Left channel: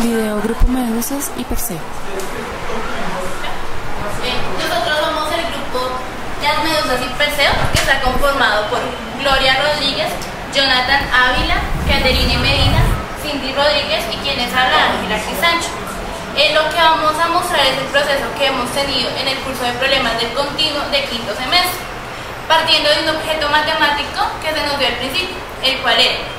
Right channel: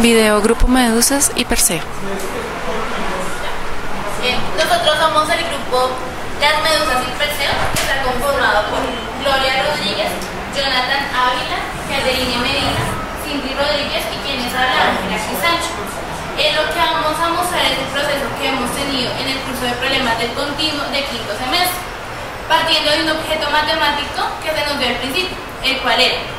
Video Grupo Medusas y Perseo. Nosotros somos el grupo Las Medusas y Perseo, que está conformado por Gloria Rodríguez, Jonathan Ávila, Caterine Medina, Cindy Rodríguez y quienes habla Ángela Sancho. Lo que vamos a mostrar es el proceso que hemos tenido en el curso de problemas del continuo de quinto semestre, partiendo de un objeto matemático que se nos dio al principio, el cual era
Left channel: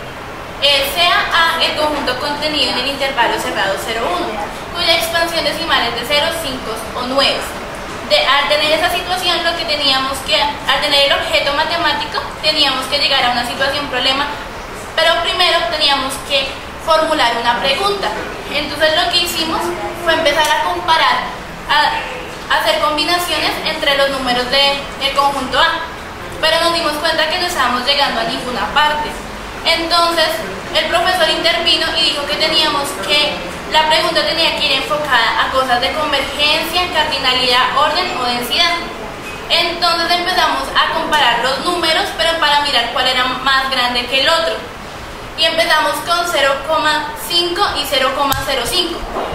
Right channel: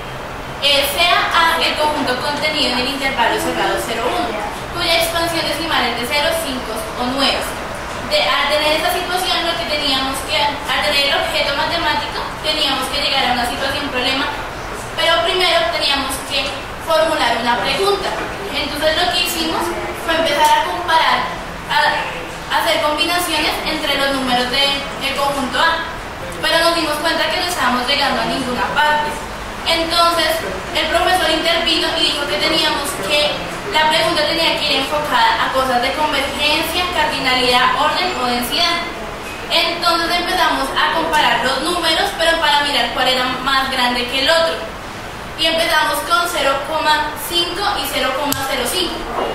sea A el conjunto contenido en el intervalo cerrado 0,1, cuya expansión decimal es de 0, 5 o 9. Al tener esa situación, al tener el objeto matemático, teníamos que llegar a una situación problema, pero primero teníamos que formular una pregunta. Entonces lo que hicimos fue empezar a comparar, a hacer combinaciones entre los números del conjunto A, pero nos dimos cuenta que no estábamos llegando a ninguna parte. Entonces el profesor intervino y dijo que la pregunta tenía que ir enfocada a cosas de convergencia, cardinalidad, orden o densidad. Entonces empezamos a comparar los números, pero para mirar cuál era más grande que el otro. Y empezamos con 0,5 y 0,05.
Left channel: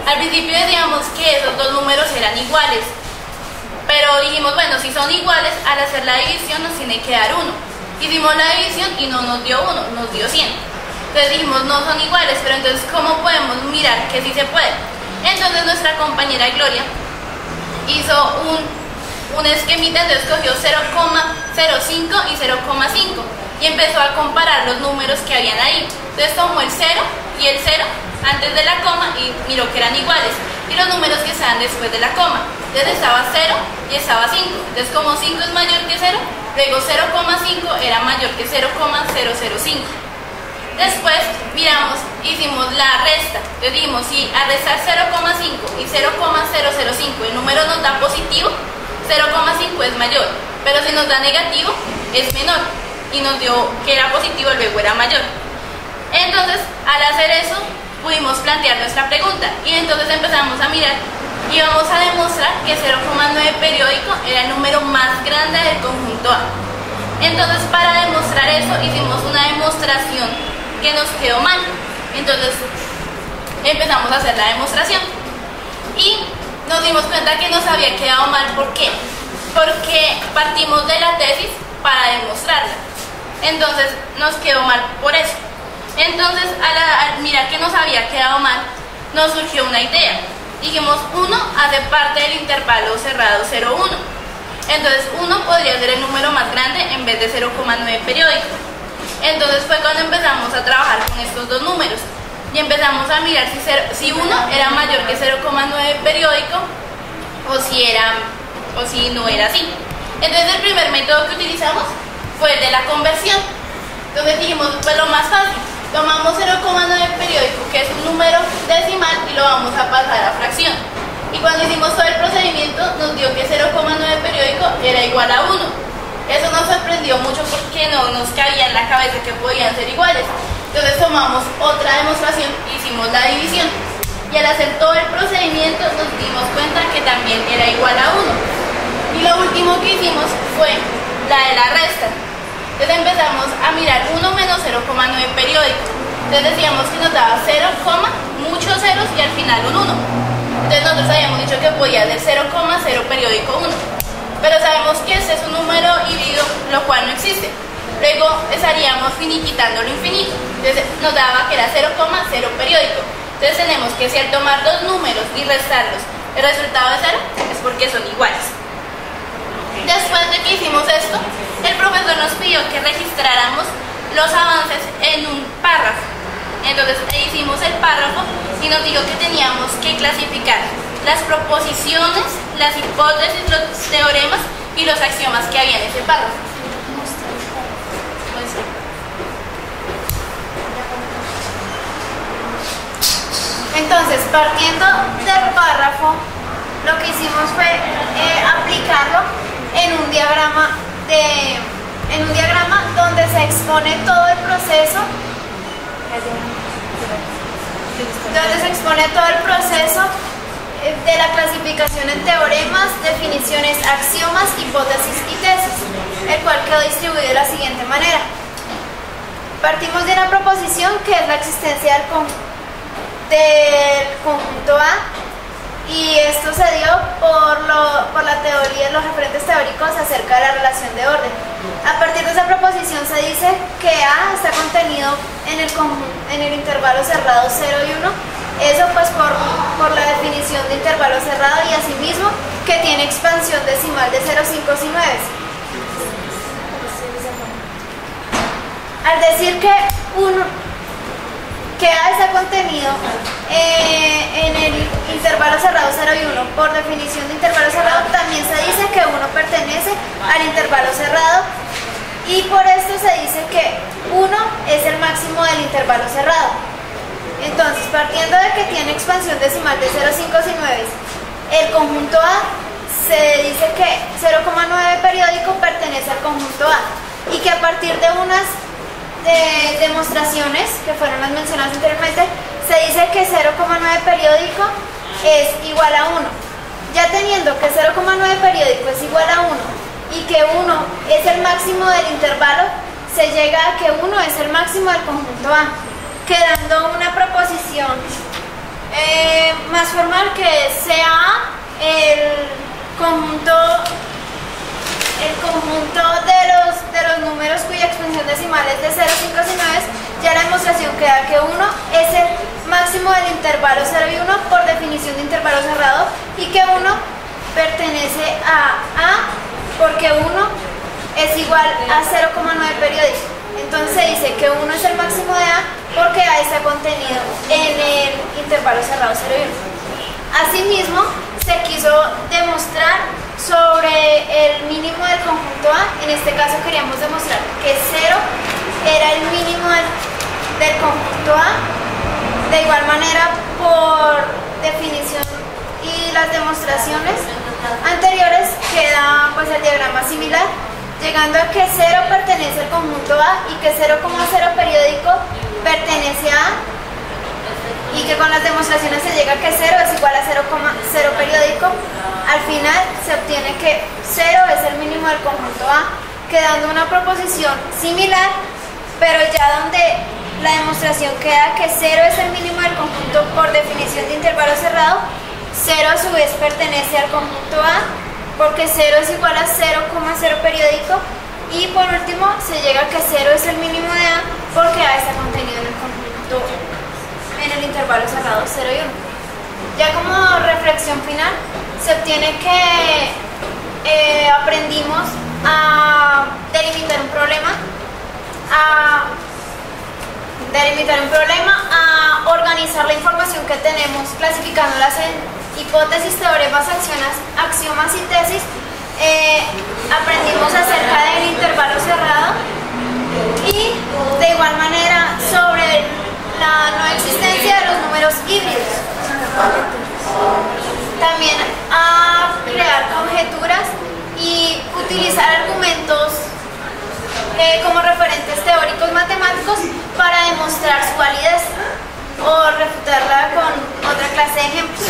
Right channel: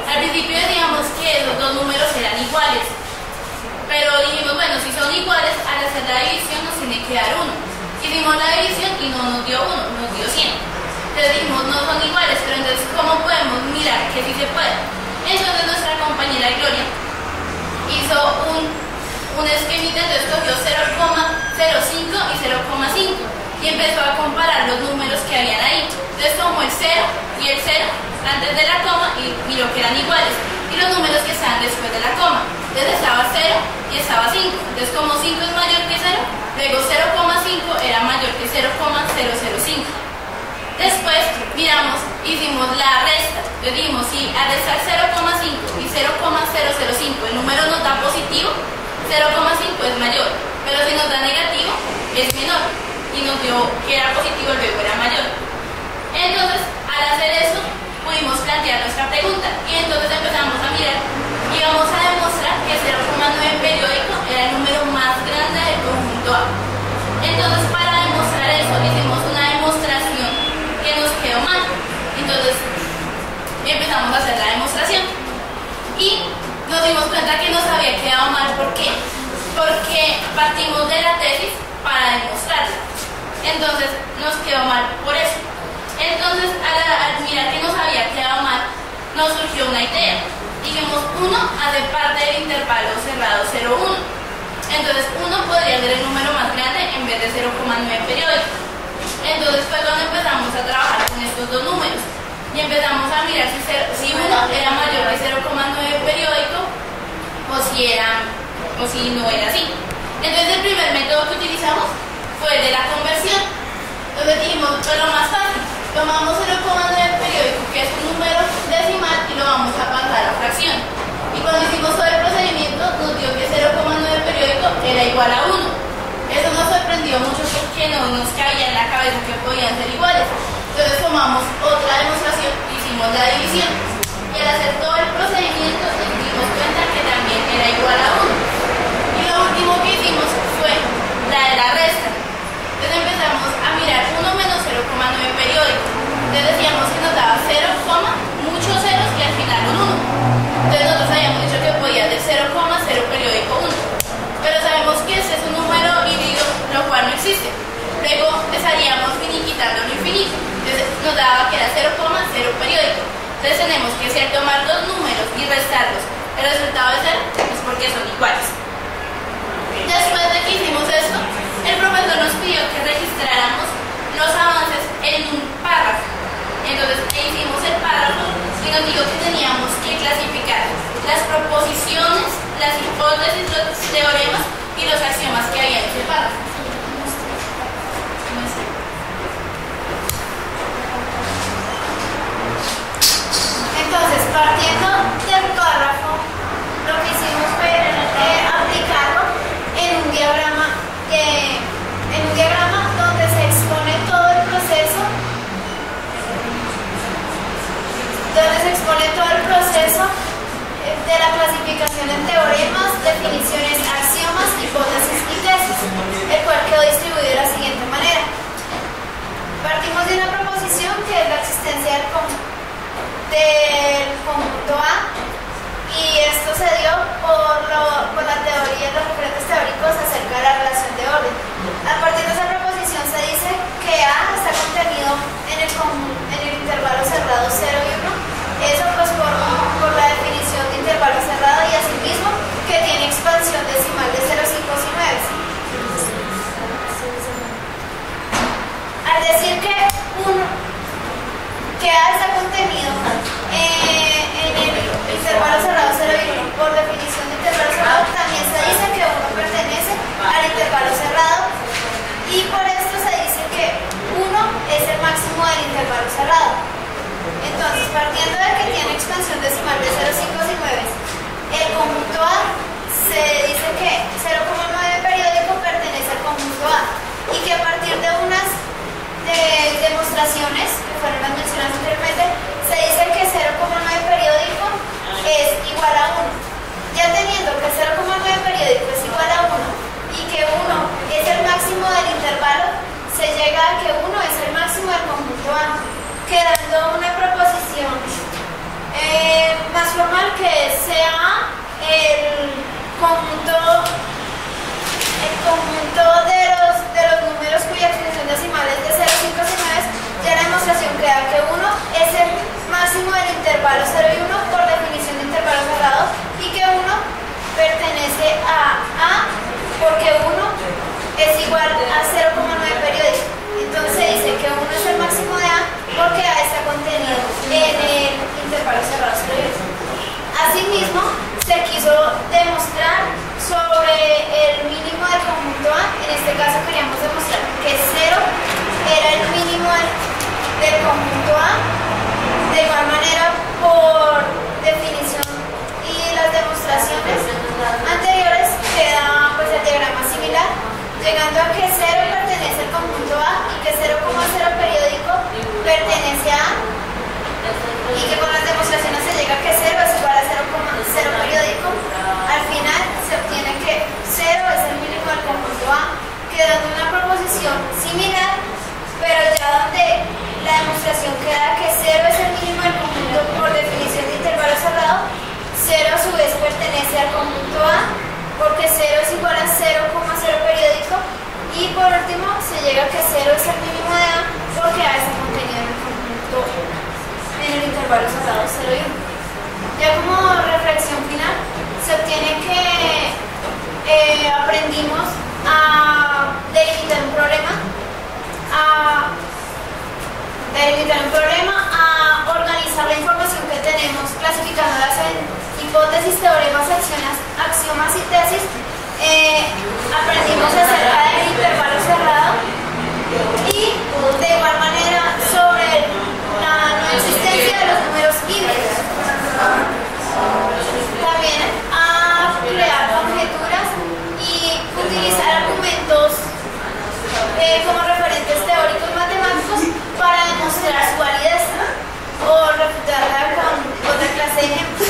Al principio decíamos que esos dos números eran iguales, pero dijimos, bueno, si son iguales, al hacer la división nos tiene que dar 1. Hicimos la división y no nos dio 1, nos dio 100. Entonces dijimos, no son iguales, pero entonces, ¿cómo podemos mirar que sí se puede? Entonces nuestra compañera Gloria hizo un esquemita, entonces cogió 0,05 y 0,5 y empezó a comparar los números que habían ahí. Entonces tomó el 0 y el 0 antes de la coma y miró que eran iguales, y los números que estaban después de la coma. Entonces estaba 0 y estaba 5. Entonces como 5 es mayor que 0, luego 0,5 era mayor que 0,005. Después miramos, hicimos la resta. Entonces dijimos, si al restar 0,5 y 0,005 el número nos da positivo, 0,5 es mayor, pero si nos da negativo es menor, y nos dio que era positivo, luego era mayor. Entonces al hacer eso pudimos plantear nuestra pregunta, y entonces empezamos a mirar y vamos a demostrar que 0,9 periódico era el número más grande del conjunto A. Entonces para demostrar eso hicimos una demostración que nos quedó mal. Entonces empezamos a hacer la demostración y nos dimos cuenta que nos había quedado mal. ¿Por qué? Porque partimos de la tesis para demostrarla. Entonces nos quedó mal por eso. Entonces al mirar que nos había quedado mal, nos surgió una idea. Dijimos, 1 hace parte del intervalo cerrado 0,1. Entonces 1 podría ser el número más grande en vez de 0,9 periódico. Entonces fue cuando empezamos a trabajar con estos dos números y empezamos a mirar si 1 era mayor que 0,9 periódico o si no era así. Entonces el primer método que utilizamos fue el de la conversión. Entonces dijimos, pues lo más fácil, tomamos 0,9 periódico, que es un número decimal, y lo vamos a pasar a fracción. Y cuando hicimos todo el procedimiento nos dio que 0,9 periódico era igual a 1. Eso nos sorprendió mucho porque no nos cabía en la cabeza que podían ser iguales. Entonces tomamos otra demostración y hicimos la división. Y al hacer todo el procedimiento nos dimos cuenta que también era igual a 1. Y lo último que hicimos fue la de la resta. Entonces empezamos a mirar 1 menos 0,9 periódico. Entonces decíamos que nos daba 0, muchos ceros y al final un 1. Entonces nosotros habíamos dicho que podía ser 0,0 periódico 1. Pero sabemos que este es un número híbrido, lo cual no existe. Luego estaríamos finiquitando lo infinito. Entonces nos daba que era 0,0 periódico. Entonces tenemos que, si al tomar dos números y restarlos, el resultado es 0, es porque son iguales. Después de que hicimos esto, el profesor nos pidió que registráramos los avances en un párrafo. Entonces hicimos el párrafo y nos dijo que teníamos que clasificar las proposiciones, las hipótesis, los teoremas y los axiomas que había en ese párrafo. Entonces, partiendo del párrafo, lo que hicimos fue aplicarlo en un diagrama donde se expone todo el proceso, de la clasificación en teoremas, definiciones, axiomas, hipótesis y tesis, el cual quedó distribuido de la siguiente manera. Partimos de una proposición que es la existencia de por la teoría, los referentes teóricos acerca de la relación de orden. A partir de esa proposición se dice que A está contenido en el intervalo cerrado 0 y 1, eso pues por la definición de intervalo cerrado, y asimismo que tiene expansión decimal de 0, 5 y 9. Al decir que A está contenido en el intervalo cerrado 0 y 1, por definición de intervalo cerrado, también se dice que 1 pertenece al intervalo cerrado, y por esto se dice que 1 es el máximo del intervalo cerrado. Entonces, partiendo de que tiene expansión decimal de 0, 5 y 9, el conjunto A se dice que 0,9 periódico pertenece al conjunto A, y que a partir de unas demostraciones que fueron las mencionadas anteriormente, se dice que 0,9 periódico es igual a 1. Ya teniendo que 0,9 periódico es igual a 1 y que 1 es el máximo del intervalo, se llega a que 1 es el máximo del conjunto A, quedando una proposición más formal, que sea el conjunto de los números cuya extensión decimal es de 0, 5 y 9. Ya la demostración queda que 1 es el máximo del intervalo 0 y 1 por definición de intervalo cerrado, y que 1 pertenece a A porque 1 es igual a 0,9 periódico. Entonces se dice que 1 es el máximo de A porque A está contenido en el intervalo cerrado 0 y 1. Asimismo, se quiso demostrar sobre el mínimo del conjunto A. En este caso queríamos demostrar que 0 era el mínimo del conjunto A. De igual manera, por definición y las demostraciones anteriores, queda pues el diagrama similar, llegando a que 0 pertenece al conjunto A y que 0,0 periódico pertenece a A, y que con las demostraciones se llega a que 0 es igual a 0,0 periódico. Al final se obtiene que 0 es el mínimo del conjunto A, quedando una proposición similar, pero ya donde la demostración queda que 0 es el mínimo del conjunto por definición de intervalo cerrado, 0 a su vez pertenece al conjunto A, porque 0 es igual a 0,0 periódico, y por último se llega a que 0 es el mínimo de A porque A está contenido en el conjunto en el intervalo cerrado 0 y 1. Ya como reflexión final, se obtiene que aprendimos a delimitar un problema, a organizar la información que tenemos, clasificándolas en hipótesis, teoremas, axiomas y tesis. Aprendimos acerca del intervalo cerrado y de igual manera sobre la no existencia de los números híbridos. También a crear conjeturas y utilizar argumentos como referentes teóricos matemáticos para demostrar su validez o refutarla con otra clase de ejemplos.